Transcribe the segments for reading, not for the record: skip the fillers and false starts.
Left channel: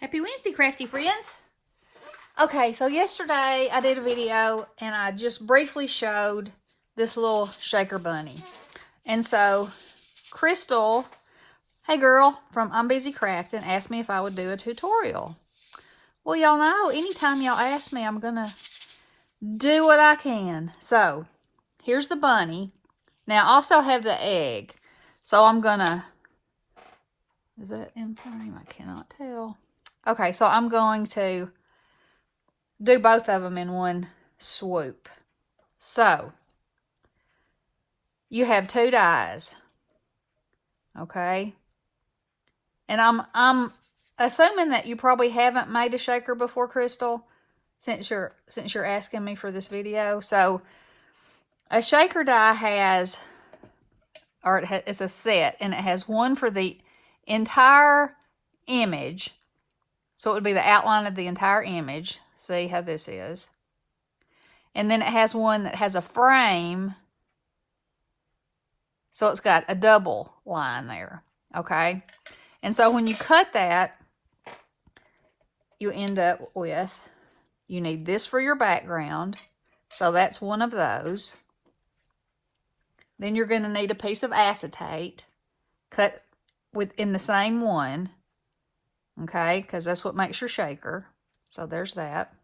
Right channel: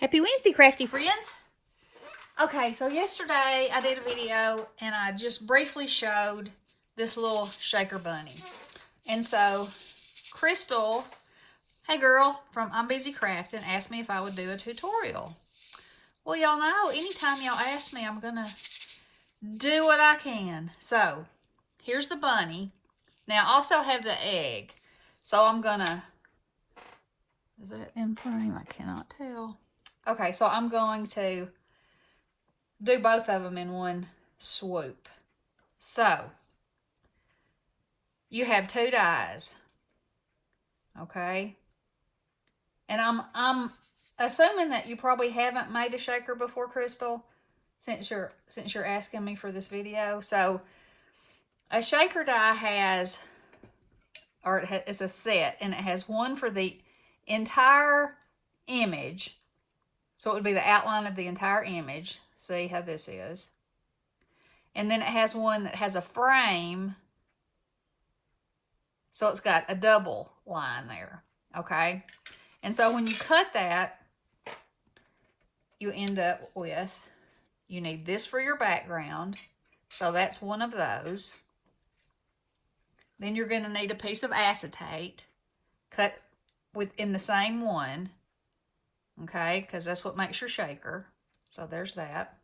Happy Wednesday, crafty friends. Okay, so yesterday I did a video and I just briefly showed this little shaker bunny. And so Crystal, hey girl, from I'm Busy Crafting, asked me if I would do a tutorial. Well, y'all know, anytime y'all ask me, I'm gonna do what I can. So here's the bunny. Now I also have the egg. So I'm gonna, is that in frame? I cannot tell. Okay, so I'm going to do both of them in one swoop. So you have two dies, okay? And I'm assuming that you probably haven't made a shaker before, Crystal, since you're asking me for this video. So a shaker die has, or it's a set, and it has one for the entire image. So it would be the outline of the entire image. See how this is. And then it has one that has a frame. So it's got a double line there, okay? And so when you cut that, you end up with, you need this for your background. So that's one of those. Then you're going to need a piece of acetate cut within the same one, okay? Because that's what makes your shaker. So there's that.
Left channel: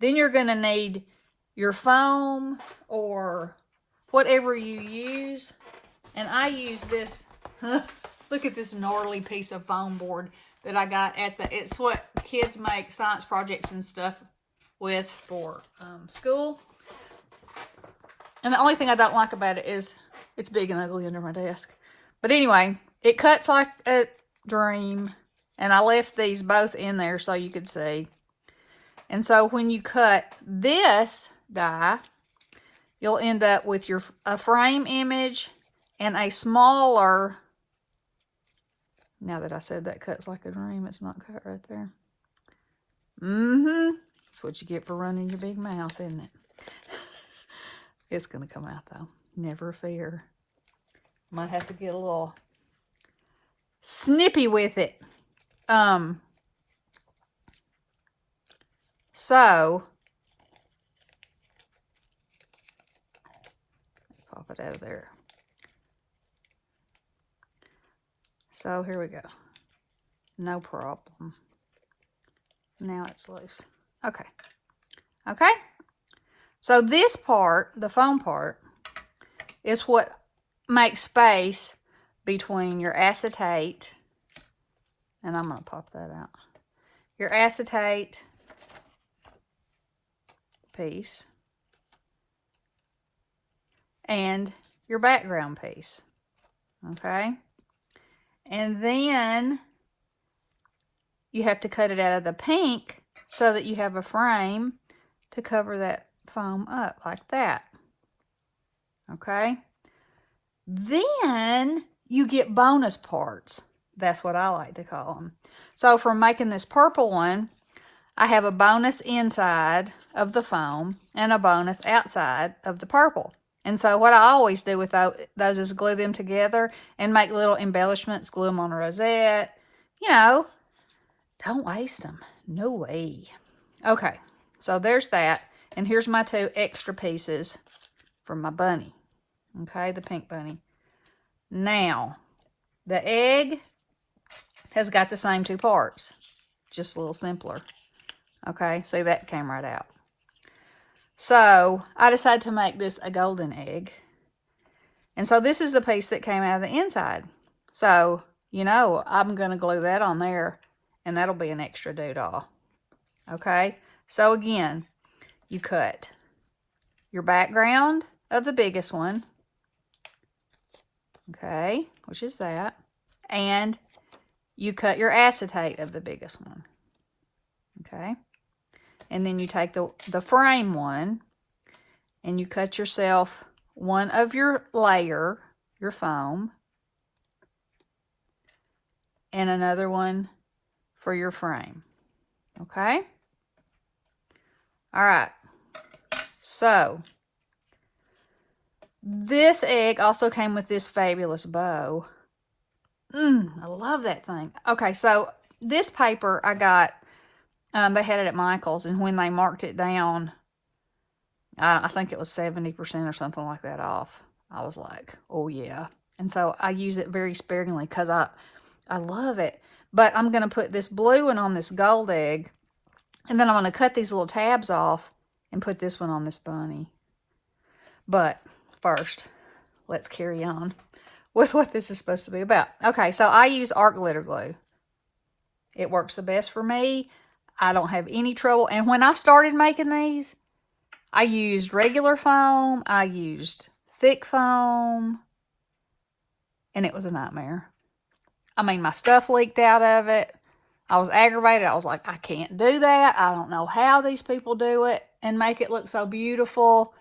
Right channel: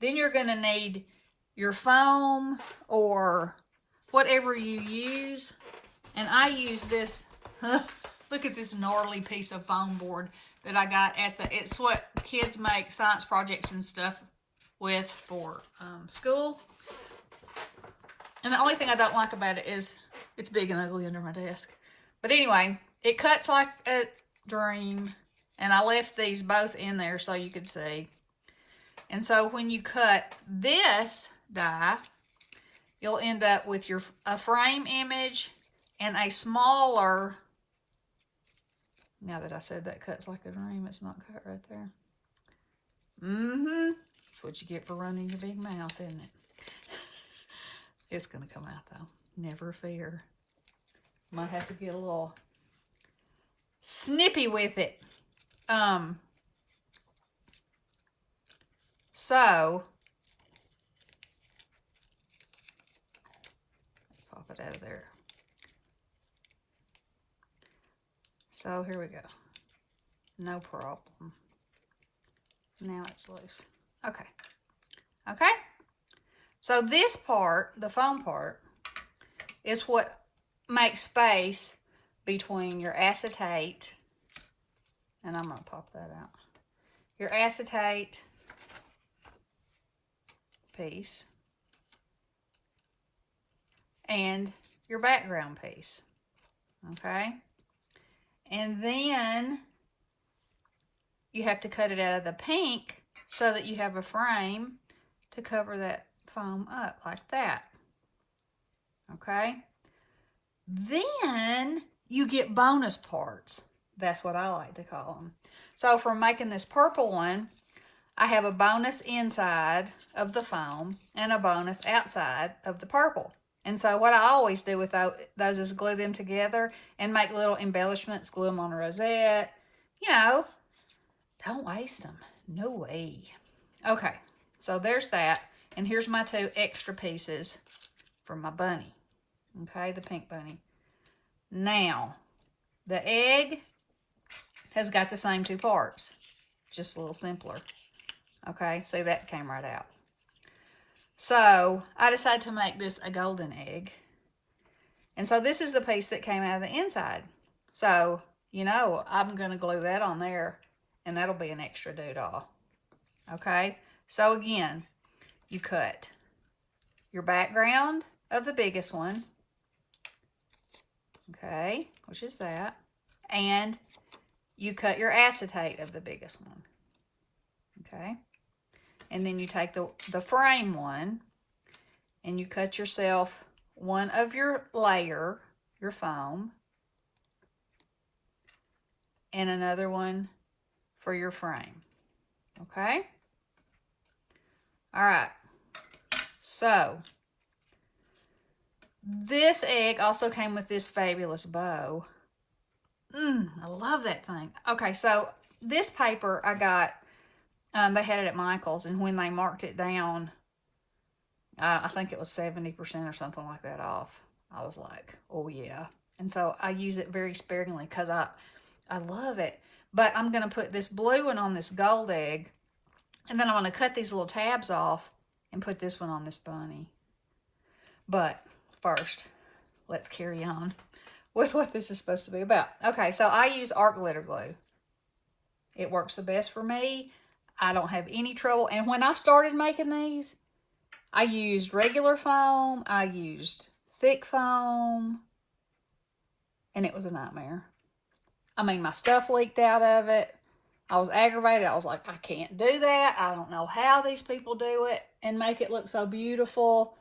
Then you're going to need your foam or whatever you use. And I use this, look at this gnarly piece of foam board that I got at it's what kids make science projects and stuff with for school. And the only thing I don't like about it is it's big and ugly under my desk. But anyway, it cuts like a dream. And I left these both in there so you could see. And so when you cut this die, you'll end up with a frame image and a smaller, now that I said that cuts like a dream, it's not cut right there. That's what you get for running your big mouth, isn't it? It's going to come out though. Never fear. Might have to get a little snippy with it. So, pop it out of there. So here we go. No problem. Now it's loose. Okay. Okay. So this part, the foam part, is what makes space between your acetate, and I'm going to pop that out, your acetate piece and your background piece. Okay? And then you have to cut it out of the pink so that you have a frame to cover that foam up like that. Okay? Then you get bonus parts. That's what I like to call them. So for making this purple one, I have a bonus inside of the foam and a bonus outside of the purple. And so what I always do with those is glue them together and make little embellishments, glue them on a rosette. You know, don't waste them. No way. Okay, so there's that. And here's my two extra pieces for my bunny. Okay, the pink bunny. Now, the egg has got the same two parts, just a little simpler. Okay, see, that came right out. So I decided to make this a golden egg. And so this is the piece that came out of the inside. So, you know, I'm going to glue that on there, and that'll be an extra doodah. Okay, so again, you cut your background of the biggest one. Okay, which is that. And you cut your acetate of the biggest one. Okay. And then you take the frame one and you cut yourself one of your layer, your foam, and another one for your frame. Okay? All right. So, this egg also came with this fabulous bow. I love that thing. Okay, so this paper I got, they had it at Michael's, and when they marked it down, I think it was 70% or something like that off. I was like, oh yeah. And so I use it very sparingly because I love it. But I'm going to put this blue one on this gold egg, and then I'm going to cut these little tabs off and put this one on this bunny. But first, let's carry on with what this is supposed to be about. Okay, so I use art glitter glue. It works the best for me. I don't have any trouble. And when I started making these, I used regular foam. I used thick foam. And it was a nightmare. I mean, my stuff leaked out of it. I was aggravated. I was like, I can't do that. I don't know how these people do it and make it look so beautiful.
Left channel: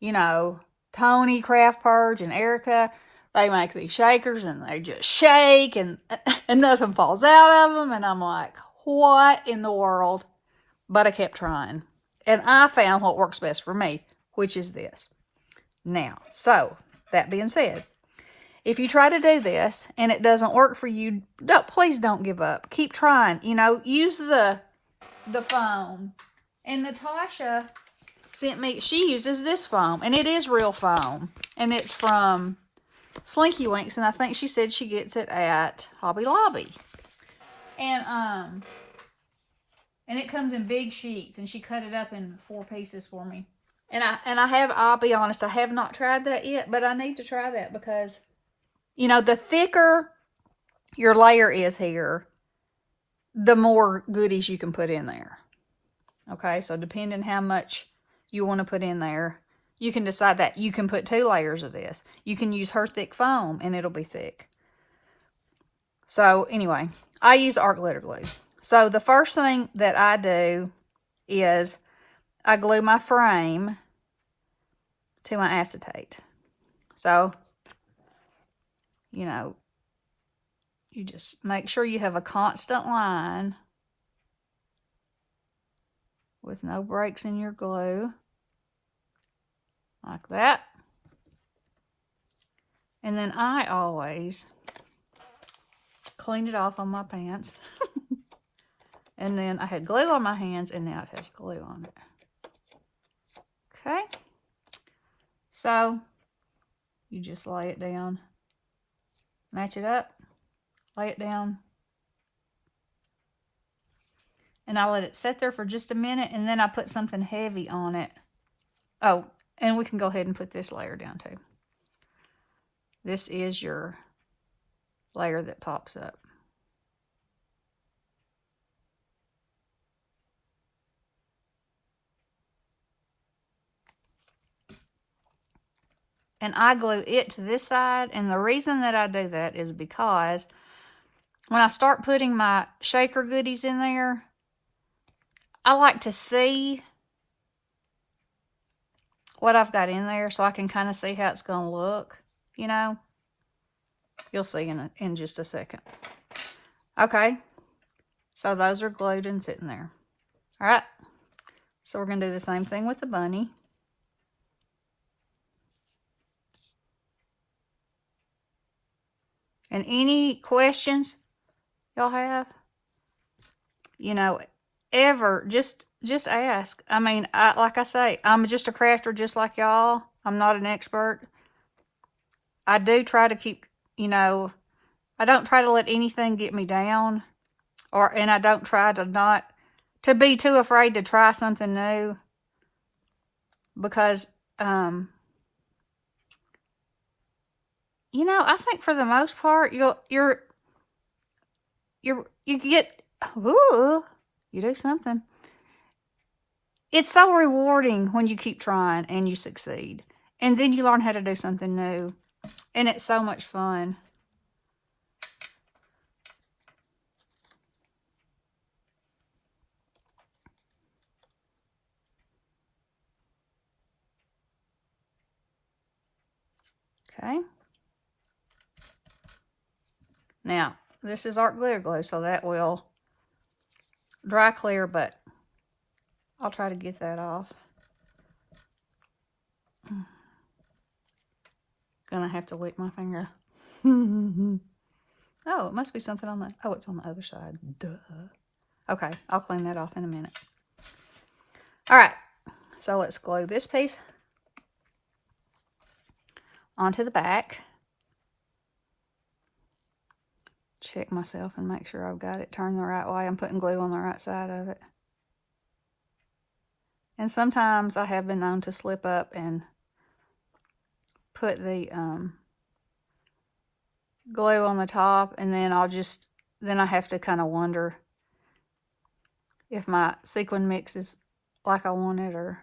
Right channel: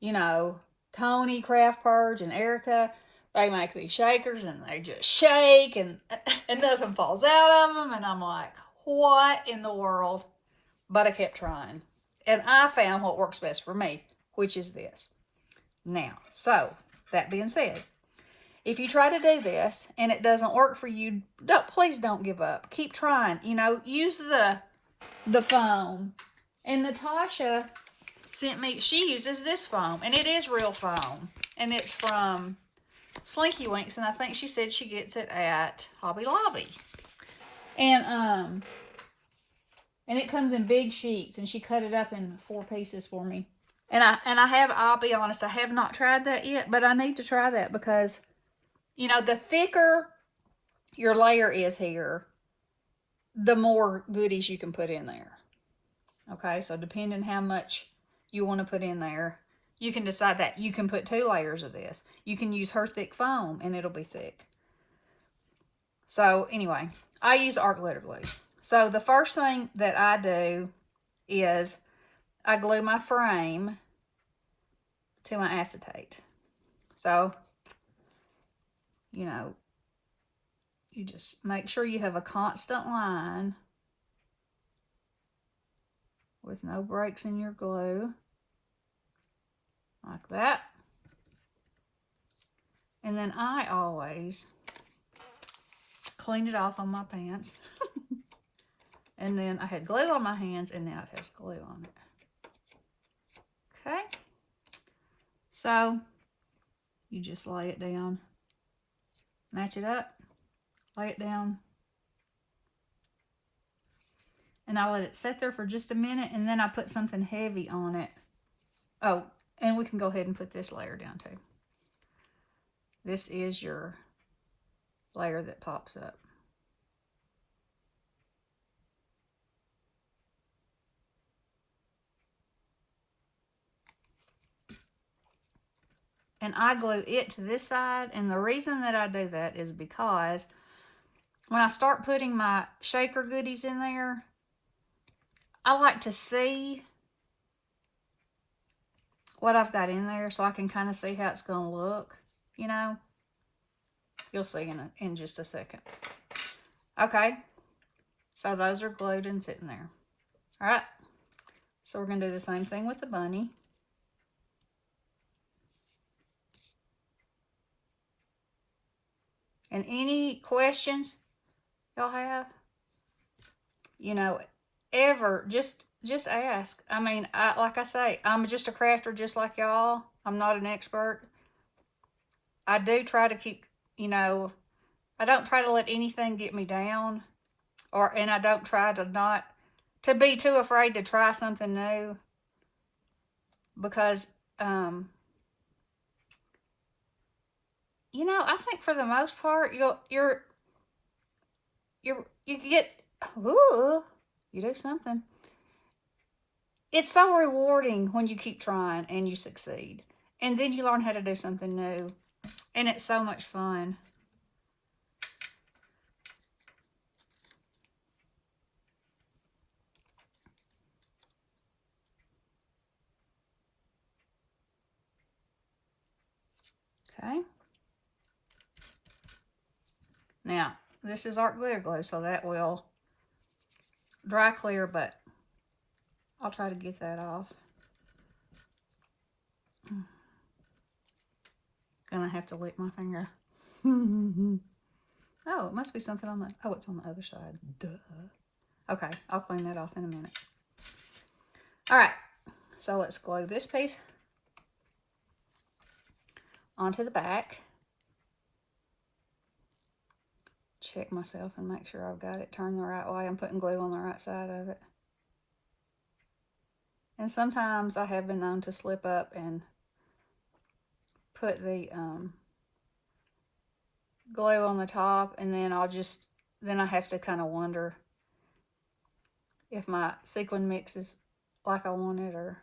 You know, Tony, Craft Purge, and Erica, they make these shakers and they just shake and nothing falls out of them. And I'm like, what in the world? But I kept trying. And I found what works best for me, which is this. Now, so, that being said, if you try to do this and it doesn't work for you, please don't give up. Keep trying. You know, use the foam. And Natasha sent me, she uses this foam, and it is real foam. And it's from Slinky Winks, and I think she said she gets it at Hobby Lobby. And it comes in big sheets, and she cut it up in 4 pieces for me. And I'll be honest, I have not tried that yet, but I need to try that because, you know, the thicker your layer is here, the more goodies you can put in there. Okay, so depending how much you want to put in there, you can decide that. You can put 2 layers of this. You can use her thick foam, and it'll be thick. So, anyway, I use art glitter glue. So, the first thing that I do is I glue my frame to my acetate. So, you know, you just make sure you have a constant line with no breaks in your glue. Like that. And then I always clean it off on my pants. And then I had glue on my hands, and now it has glue on it. Okay. So, you just lay it down. Match it up. Lay it down. And I let it sit there for just a minute, and then I put something heavy on it. Oh, and we can go ahead and put this layer down too. This is your layer that pops up. And I glue it to this side, and the reason that I do that is because when I start putting my shaker goodies in there, I like to see what I've got in there so I can kind of see how it's going to look, you know. You'll see in just a second. Okay, so those are glued and sitting there. All right, so we're going to do the same thing with the bunny. And any questions y'all have, you know, ever, just ask. I mean, like I say, I'm just a crafter just like y'all. I'm not an expert. I do try to keep, you know, I don't try to let anything get me down, and I don't try to be too afraid to try something new, because, you know, I think for the most part, you get, ooh, you do something. It's so rewarding when you keep trying and you succeed. And then you learn how to do something new. And it's so much fun. Okay. Now, this is art glitter glue, so that will dry clear, but I'll try to get that off. Gonna have to lick my finger. Oh, it must be something on the, oh, it's on the other side. Duh. Okay, I'll clean that off in a minute. All right, so let's glue this piece onto the back. Check myself and make sure I've got it turned the right way. I'm putting glue on the right side of it. And sometimes I have been known to slip up and put the glue on the top, and then then I have to kind of wonder if my sequin mix is like I want it, or,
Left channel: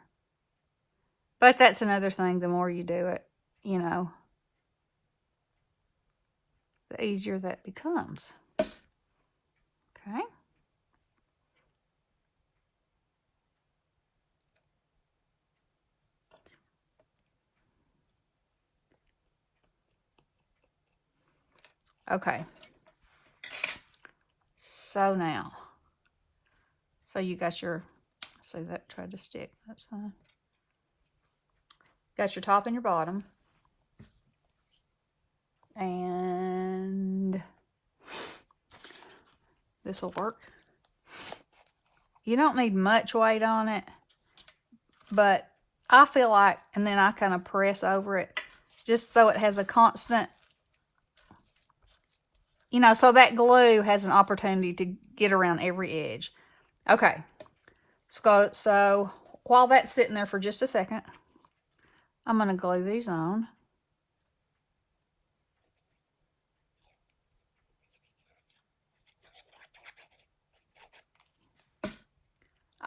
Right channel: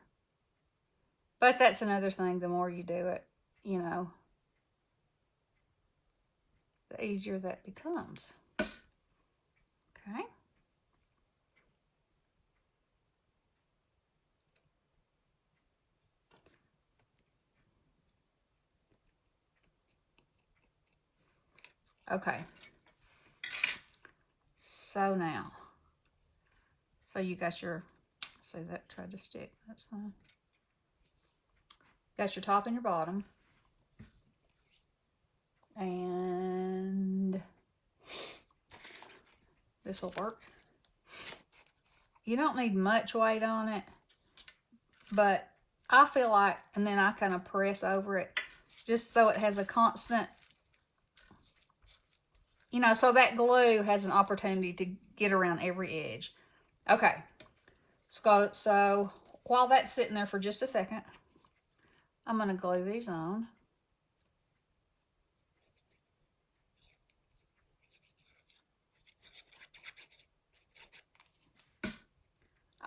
but that's another thing. The more you do it, you know, the easier that becomes. Okay. Okay. So now, so you got your, see that tried to stick, that's fine. Got your top and your bottom. And this will work. You don't need much weight on it, but I feel like, and then I kind of press over it just so it has a constant, you know, so that glue has an opportunity to get around every edge. Okay, so while that's sitting there for just a second, I'm going to glue these on.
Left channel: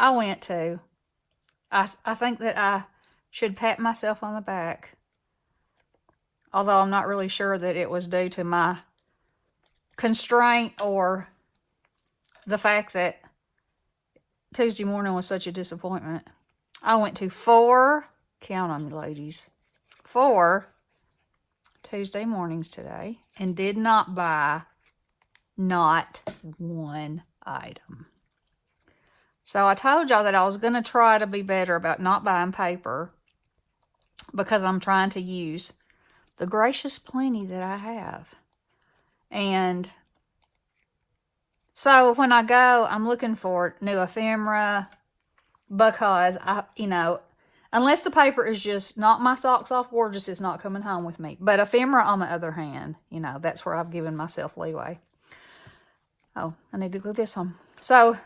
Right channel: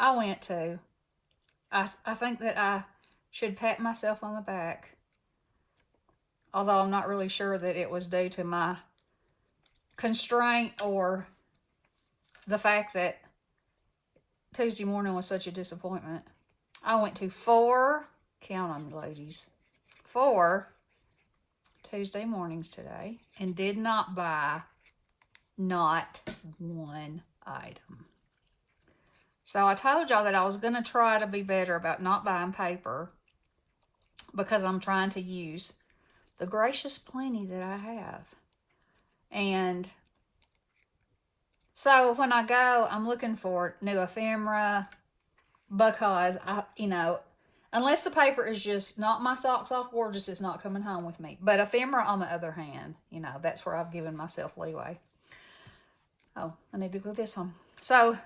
I think that I should pat myself on the back, although I'm not really sure that it was due to my constraint or the fact that Tuesday morning was such a disappointment. I went to 4, count on me ladies, 4 Tuesday mornings today and did not buy not one item. So I told y'all that I was going to try to be better about not buying paper because I'm trying to use the gracious plenty that I have. And so when I go, I'm looking for new ephemera because unless the paper is just knock my socks off gorgeous, it's not coming home with me. But ephemera, on the other hand, that's where I've given myself leeway. Oh, I need to glue this on. So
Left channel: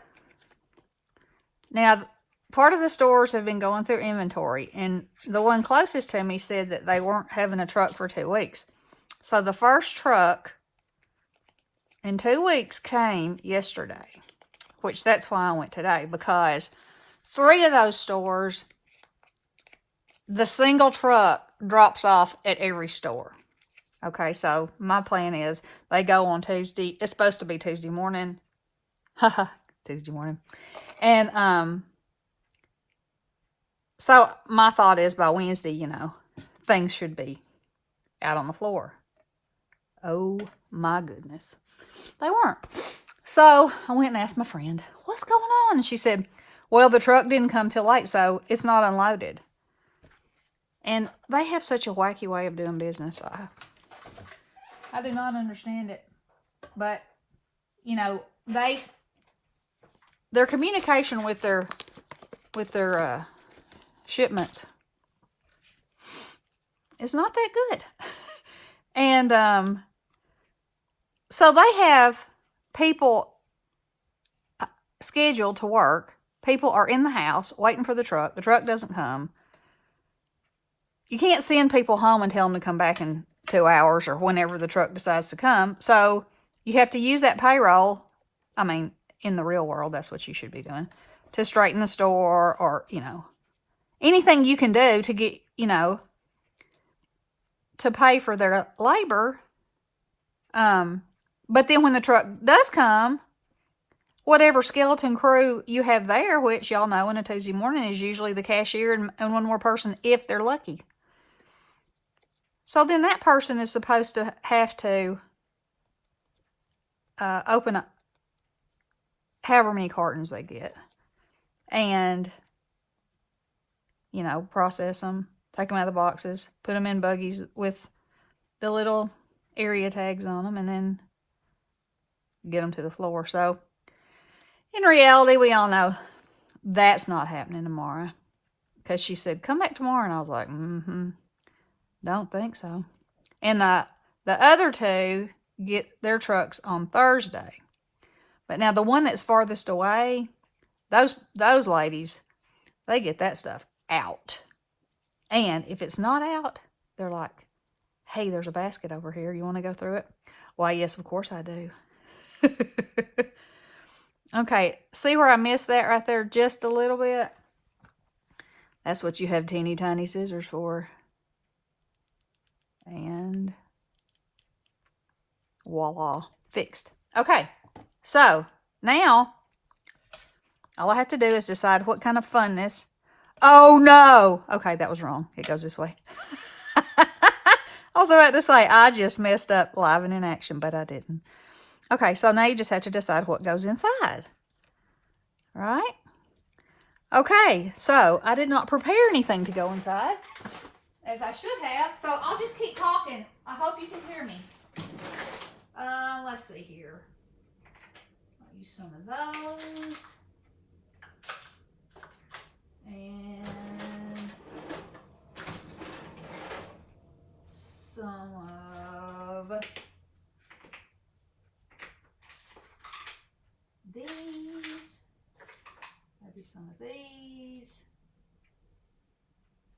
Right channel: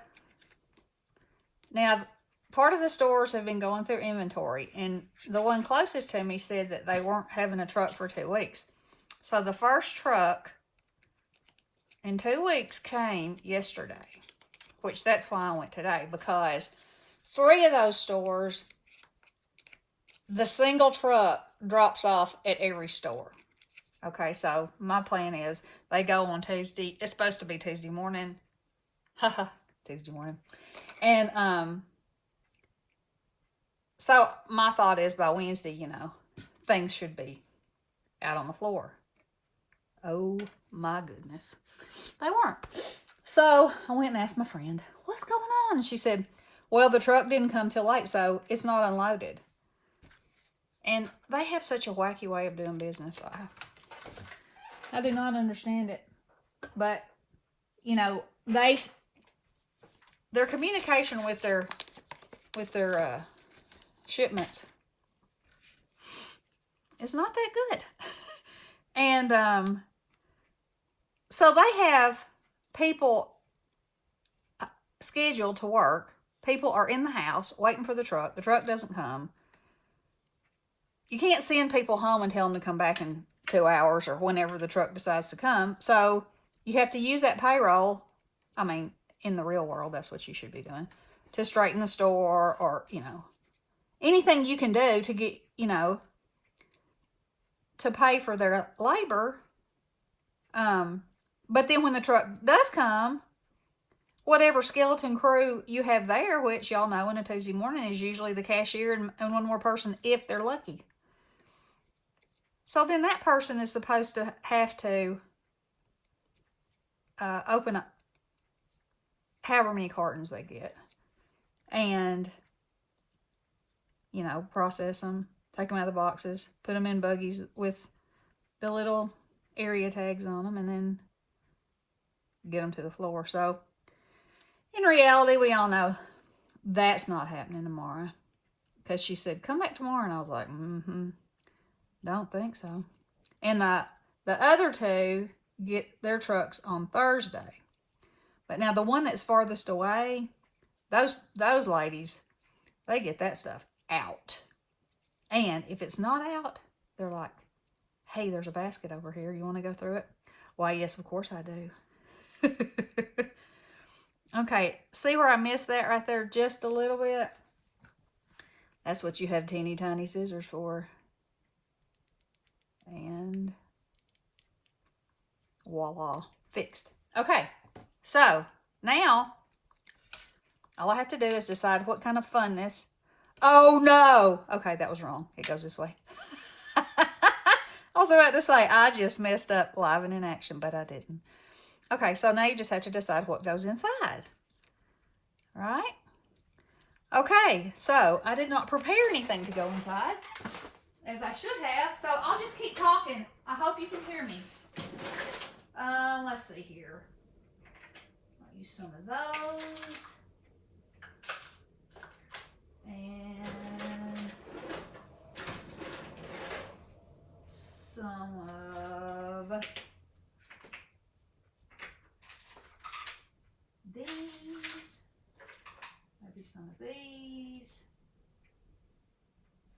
now, part of the stores have been going through inventory, and the one closest to me said that they weren't having a truck for 2 weeks. So the first truck in 2 weeks came yesterday, which that's why I went today, because 3 of those stores, the single truck drops off at every store. Okay, so my plan is they go on Tuesday. It's supposed to be Tuesday morning. Haha, Tuesday morning. And so my thought is by Wednesday, things should be out on the floor. Oh my goodness. They weren't. So I went and asked my friend, what's going on? And she said, well, the truck didn't come till late, so it's not unloaded. And they have such a wacky way of doing business. I do not understand it. But, their communication with their shipments is not that good. And so they have people scheduled to work. People are in the house waiting for the truck. The truck doesn't come. You can't send people home and tell them to come back in 2 hours or whenever the truck decides to come. So you have to use that payroll. I mean, in the real world, that's what you should be doing, to straighten the store or, anything you can do to get, to pay for their labor. But then when the truck does come, whatever skeleton crew you have there, which y'all know in a Tuesday morning is usually the cashier and one more person if they're lucky. So then that person is supposed to have to open up however many cartons they get and, process them, take them out of the boxes, put them in buggies with the little area tags on them, and then get them to the floor. So in reality, we all know that's not happening tomorrow. Because she said, come back tomorrow. And I was like, don't think so. And the other two get their trucks on Thursday. But now the one that's farthest away, those ladies, they get that stuff out. And if it's not out, they're like, hey, there's a basket over here. You want to go through it? Why, yes, of course I do. Okay, see where I missed that right there just a little bit? That's what you have teeny tiny scissors for. And voila, fixed. Okay, so now all I have to do is decide what kind of funness. Oh no! Okay, that was wrong. It goes this way. I was about to say, I just messed up live and in action, but I didn't. Okay, so now you just have to decide what goes inside. Right? Okay, so I did not prepare anything to go inside, as I should have, so I'll just keep talking. I hope you can hear me. Let's see here. I'll use some of those. And some of these. Maybe some of these.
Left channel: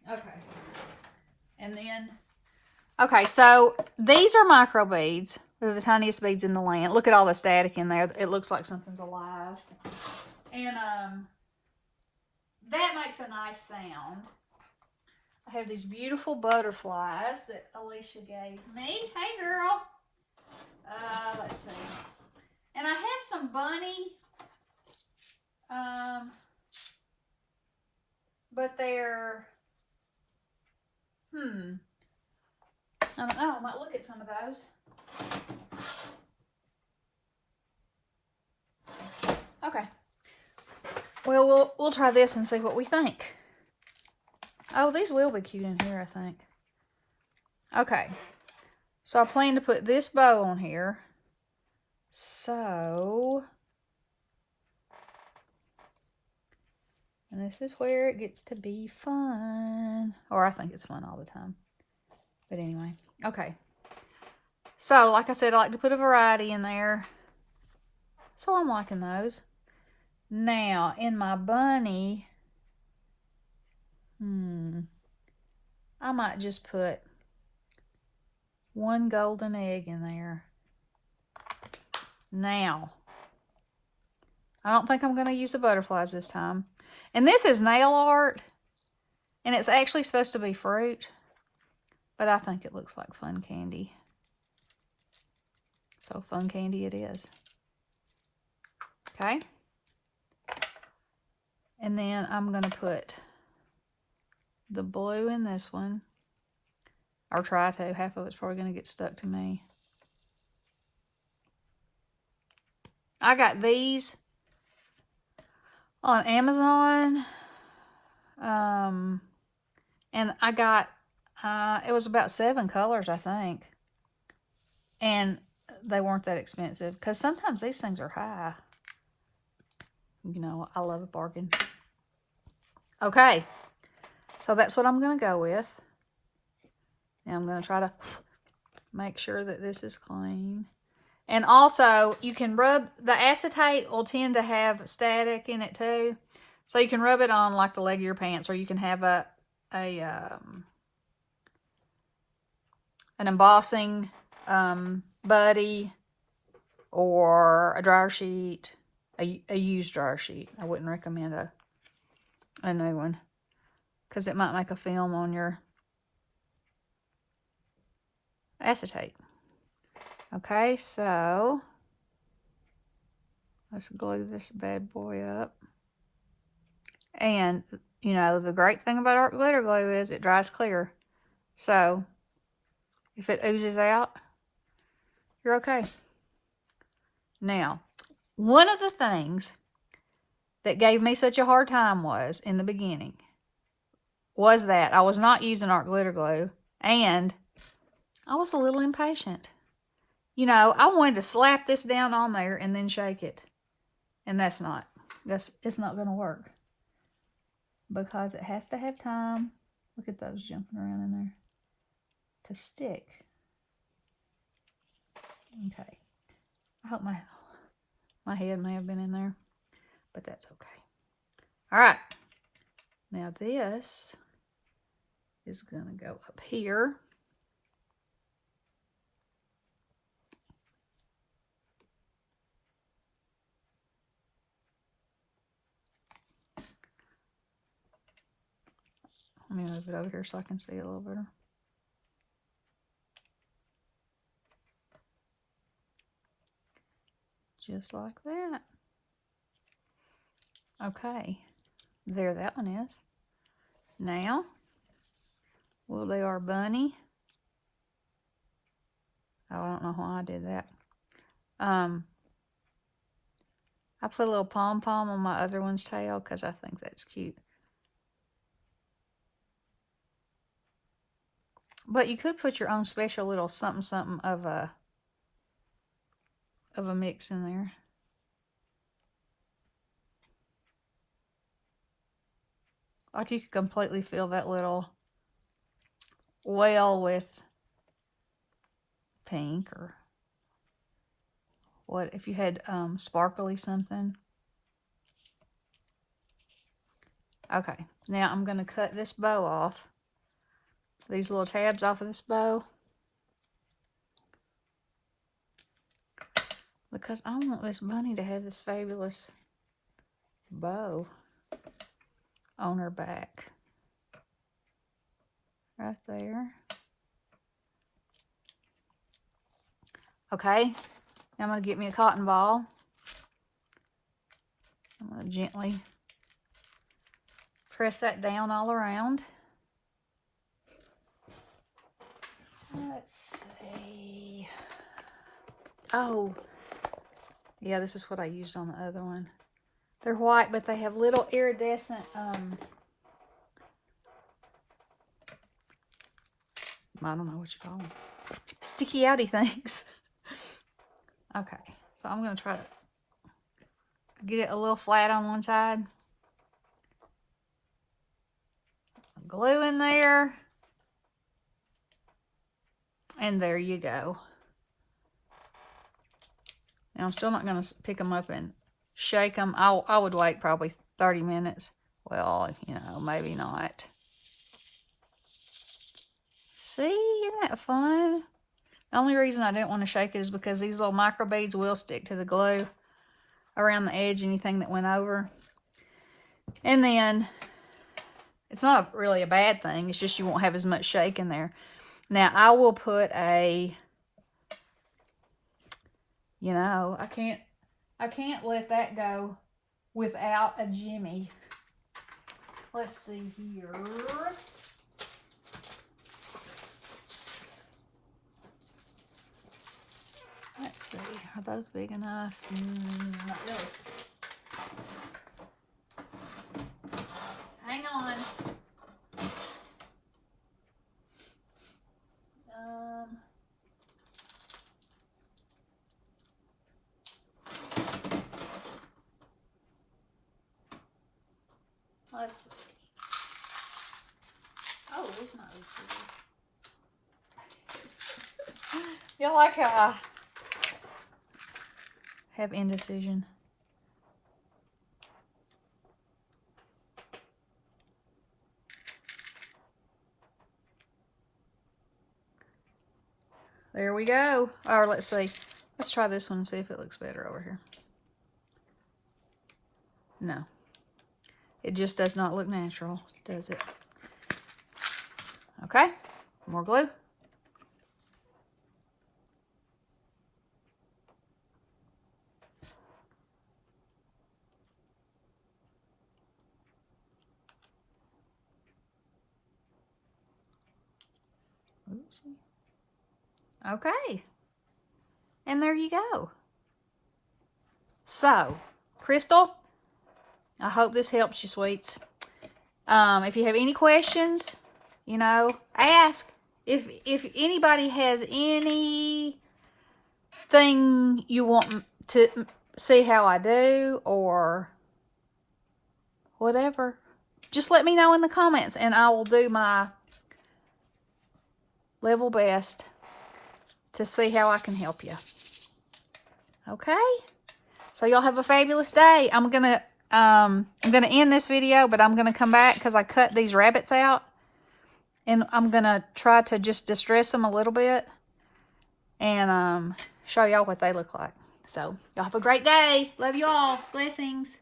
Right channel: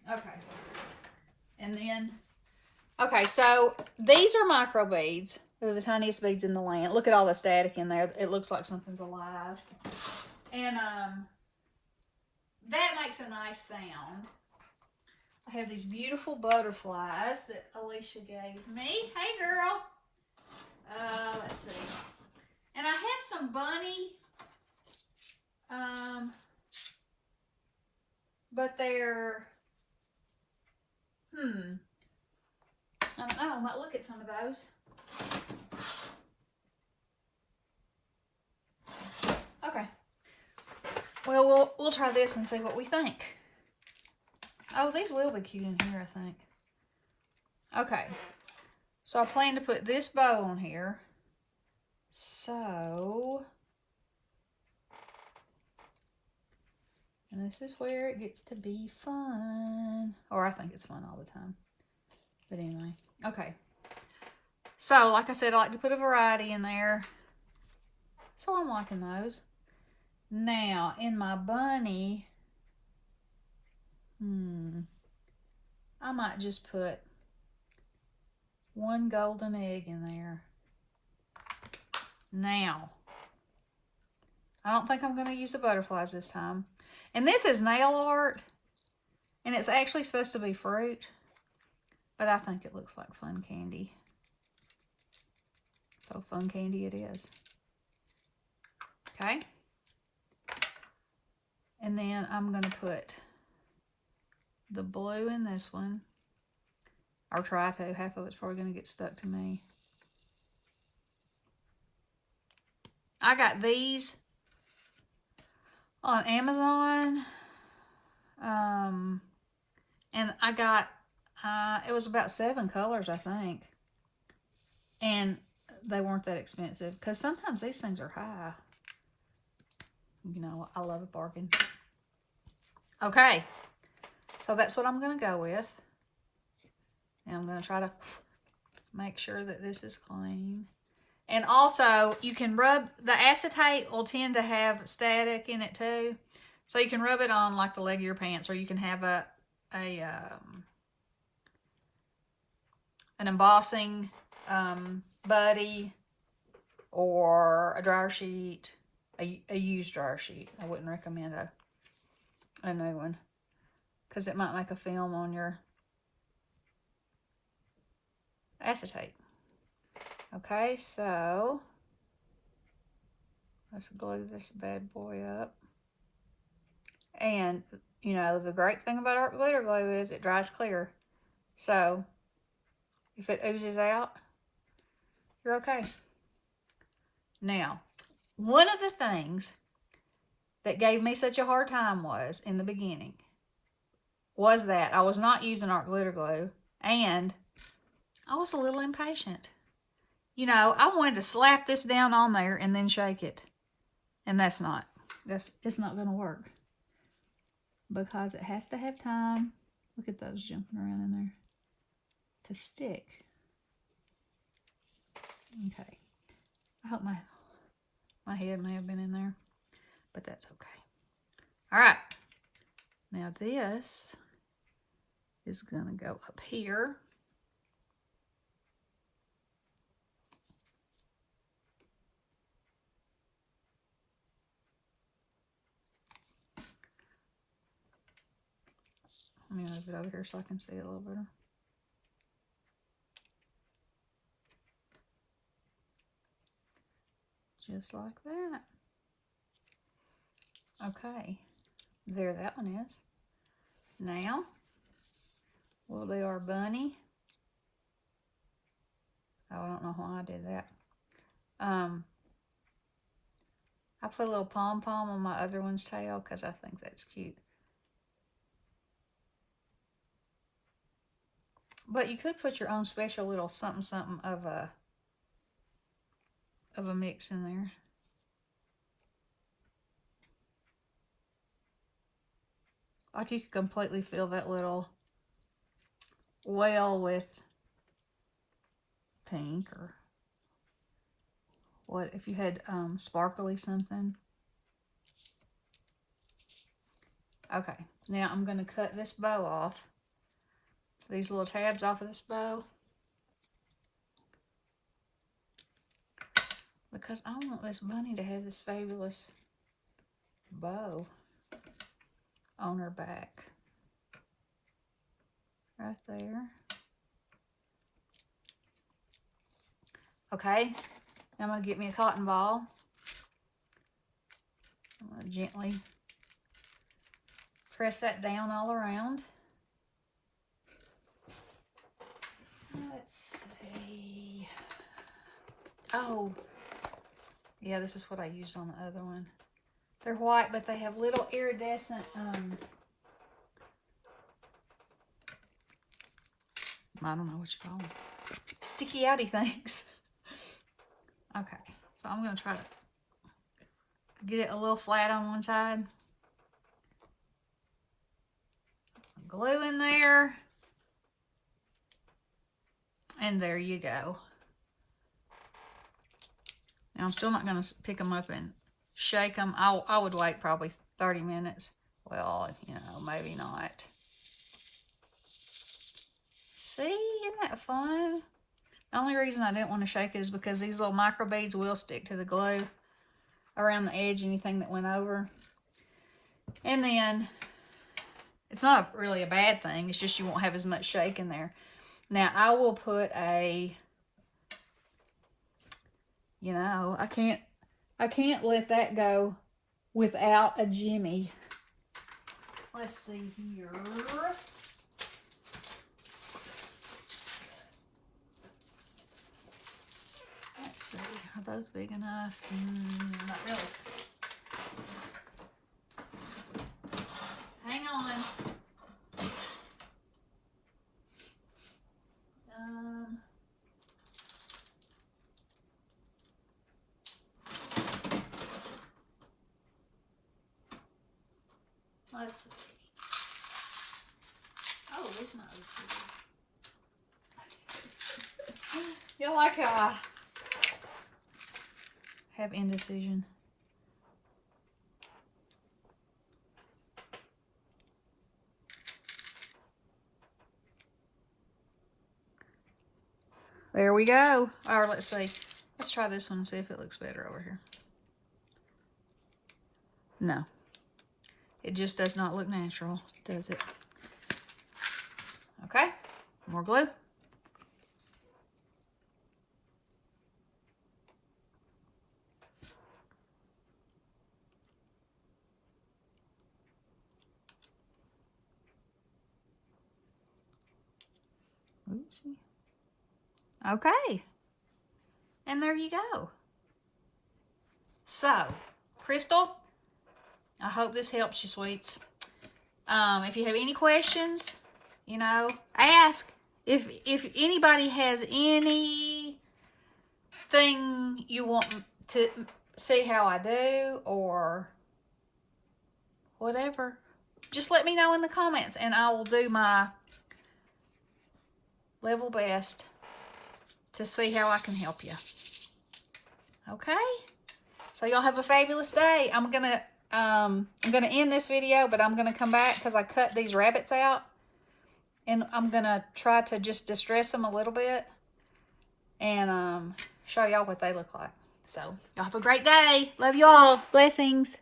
Okay. And then, okay, so these are micro beads. They're the tiniest beads in the land. Look at all the static in there. It looks like something's alive. And that makes a nice sound. I have these beautiful butterflies that Alicia gave me. Hey, girl. Let's see. And I have some bunny, but they're, I don't know. I might look at some of those. Okay. Well, we'll try this and see what we think. Oh, these will be cute in here, I think. Okay. So I plan to put this bow on here. So, and this is where it gets to be fun. Or I think it's fun all the time. But anyway, okay. So, like I said, I like to put a variety in there. So I'm liking those. Now, in my bunny, I might just put one golden egg in there. Now, I don't think I'm going to use the butterflies this time. And this is nail art, and it's actually supposed to be fruit, but I think it looks like fun candy. So fun candy it is. Okay. And then I'm going to put the blue in this one. Or try to. Half of it's probably going to get stuck to me. I got these on Amazon. And I got, it was about 7 colors, I think. And they weren't that expensive. Because sometimes these things are high. You know, I love a bargain. Okay. So that's what I'm going to go with. Now I'm going to try to make sure that this is clean. And also, you can rub, the acetate will tend to have static in it too. So you can rub it on like the leg of your pants, or you can have an embossing buddy, or a dryer sheet, a used dryer sheet. I wouldn't recommend a new one, because it might make a film on your acetate. Okay, so let's glue this bad boy up. And, you know, the great thing about art glitter glue is it dries clear. So, if it oozes out, you're okay. Now, one of the things that gave me such a hard time was, in the beginning, was that I was not using art glitter glue, and I was a little impatient. you know, I wanted to slap this down on there and then shake it. And it's not going to work. Because it has to have time. Look at those jumping around in there. To stick. Okay. I hope my head may have been in there. But that's okay. Alright. Now this is going to go up here. Let me move it over here so I can see it a little better. Just like that. Okay. There that one is. Now, we'll do our bunny. Oh, I don't know why I did that. I put a little pom-pom on my other one's tail because I think that's cute. But you could put your own special little something of a mix in there. Like you could completely fill that little well with pink or what if you had sparkly something. Okay, now I'm going to cut this bow off. These little tabs off of this bow. Because I want this bunny to have this fabulous bow on her back. Right there. Okay, now I'm going to get me a cotton ball. I'm going to gently press that down all around. Let's see. Oh, yeah, this is what I used on the other one. They're white, but they have little iridescent, I don't know what you call them. Sticky outy things. Okay, so I'm going to try to get it a little flat on one side. Glue in there. And there you go. Now I'm still not going to pick them up and shake them. I would wait probably 30 minutes. Well, you know, maybe not. See, isn't that fun? The only reason I didn't want to shake it is because these little micro beads will stick to the glue around the edge, anything that went over. And then, it's not really a bad thing. It's just you won't have as much shake in there. Now, I will put a, you know, I can't let that go without a Jimmy. Let's see here. Let's see, are those big enough? Not really. Hang on. Let's see. Oh, this might be pretty. You like how I have indecision? There we go. Or let's see. Let's try this one and see if it looks better over here. No. It just does not look natural, does it? Okay. More glue. Oopsie. Okay. And there you go. So, Crystal, I hope this helps you, sweets. If you have any questions, you know, ask. If anybody has any thing you want to see how I do or whatever, just let me know in the comments and I will do my level best to see how I can help you. Okay? So y'all have a fabulous day. I'm gonna end this video, but I'm gonna come back because I cut these rabbits out. And I'm gonna try to just distress them a little bit and show y'all what they look like. So y'all have a great day. Love you all. Blessings.